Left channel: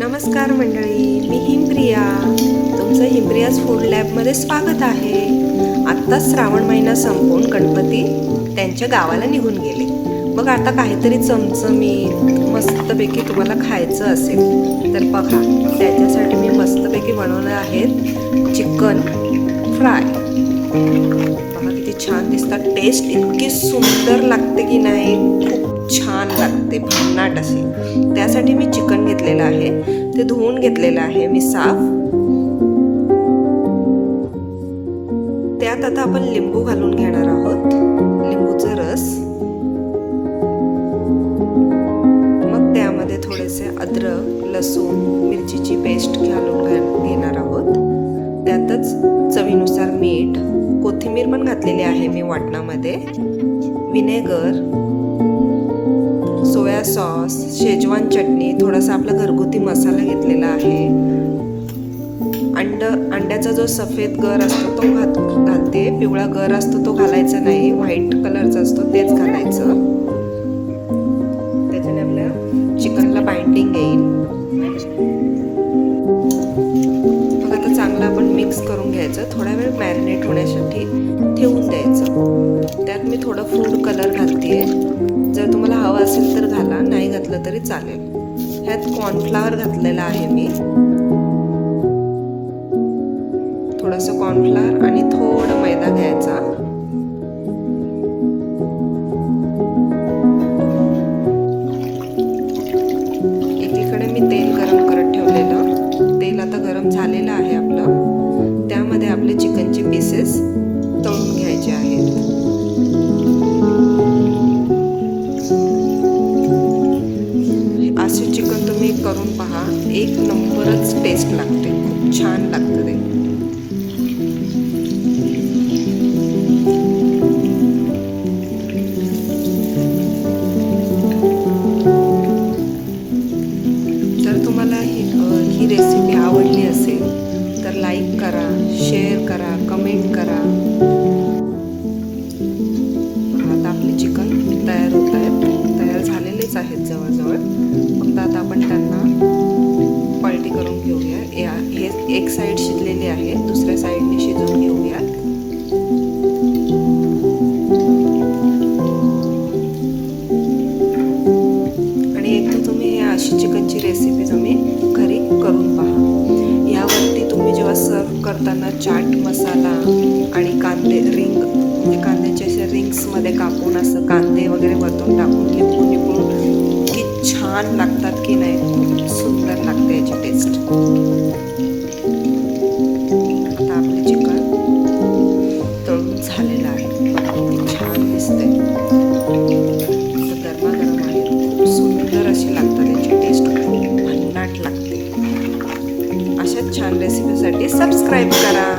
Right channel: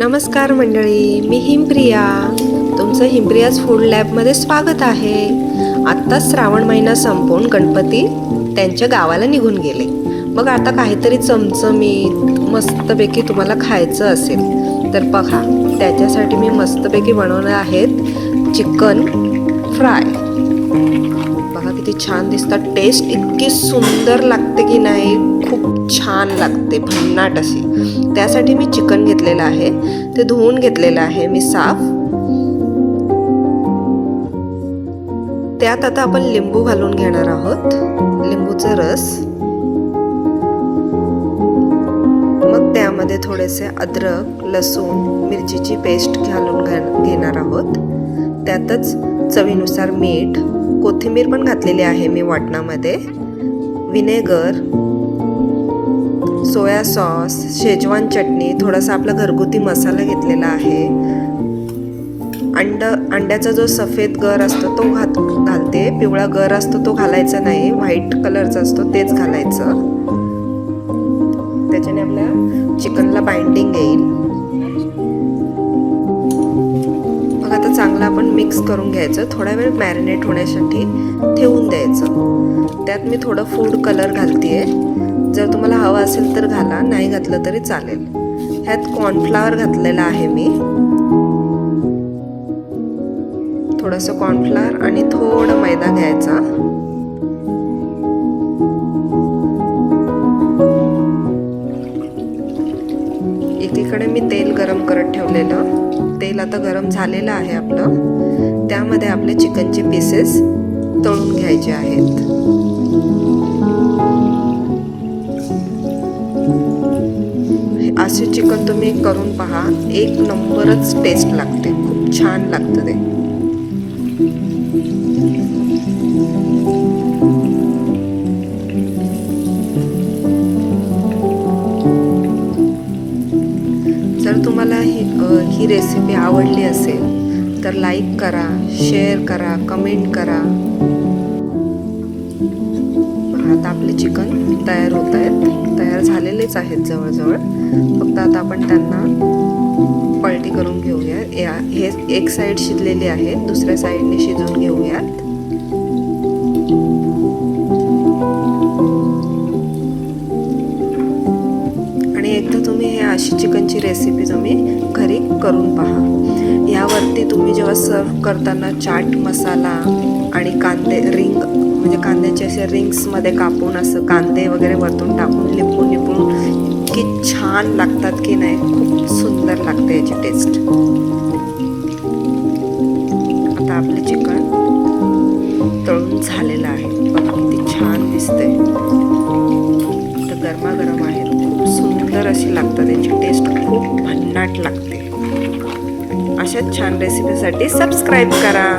नमस्कार मंडळी, मी हिमप्रिया. तुमचं हिमप्रियाज फूड लॅबमध्ये स्वागत आहे. आत्ताच श्रावण महिना संपून गणपती त्यांच्या गावाला निघून गेले. बघ आता काहीतरी चमचमीत मस्तपैकी तुम्हाला खायचं असेल तर बघा, त्याच्यासाठी मी मस्तपैकी बनवणार आहेत चिकन फ्राय. बघा किती छान दिसतात. टेस्ट इतकी सुंदर लागते की नाही, खूप छान लागते, भन्नाट असे. त्यासाठी मी चिकन घेतलेलं आहे, ते धुवून घेतलेलं आहे मी साफ. त्यात आता आपण लिंबू घालून घेणार आहोत, लिंबूचा रस. मग त्यामध्ये थोडेसे अद्रक, लसूण, मिरचीची पेस्ट घालून घेणार आहोत. त्यातच चवीनुसार मीठ, कोथिंबीर पण घातलेली आहे मी वाटणामध्ये, विनेगर, सोया सॉस, शेजवान चटणी, थोडासा आपला घरगुती मसाला घेतलेला आहे. अंड्याचा जो सफेद गर असतो तो घालते, पिवळा गर असतो तो घालायचा नाही, व्हाईट कलरचा असतो तेच घालायचं. त्याच्याने आपल्या चिकनला बाइंडिंग येईल. मग आता चांगलं आपण मिक्स करून घ्यायचं, थोडा वेळ मॅरिनेट होण्यासाठी ठेवून द्यायचं. त्यात मी थोडं फूड कलर घालतेय, जर तुम्हाला हवा असेल तर घाला, नाही घातलं तरी चालेल. ह्यात कॉर्नफ्लॉवर घातलेला आहे मी, थोडंसं कॉर्नफ्लॉवर आणि थोडं मैदा घ्यायचा. एकीकडे मी तेल गरम करत ठेवलेलं, तेल आता गरम झालेलं आहे आपलं. त्यामध्ये आपले चिकनचे पीसेस तळून घ्यायचे आहेत. असे चिकन तुम्ही करून पहा, एक नंबरच टेस्ट लागते, खूप छान लागतं ते. जर तुम्हाला ही रेसिपी आवडली असेल तर लाईक करा, शेअर करा, कमेंट करा. आता आपले चिकन तयार होत आहेत, तयार झालेलेच आहेत जवळजवळ. फक्त आता आपण त्यांना पलटी करून घेऊया. हे एक साईड शिजलेली आहे, दुसऱ्या साईडने शिजवून घेऊयात. आणि एकदा तुम्ही हे अशी चिकनची रेसिपी तुम्ही घरी करून पहा. यावरती तुम्ही जेव्हा सर्व करताना चाट मसाला आणि कांदे रिंग, म्हणजे कांद्याचे असे रिंग्समध्ये कापून असं कांदे वगैरे वरतून टाकून लिंबू की छान लागतात की नाही, खूप सुंदर लागते याची टेस्ट. आता आपलं चिकन तळून झालेलं आहे, बघा किती छान दिसते. तर गरमागरम आहे, खूप सुंदर अशी लागतात, याची टेस्ट खूप भन्नाट लागते. अशाच छान रेसिपीसाठी सबस्क्राईब करा.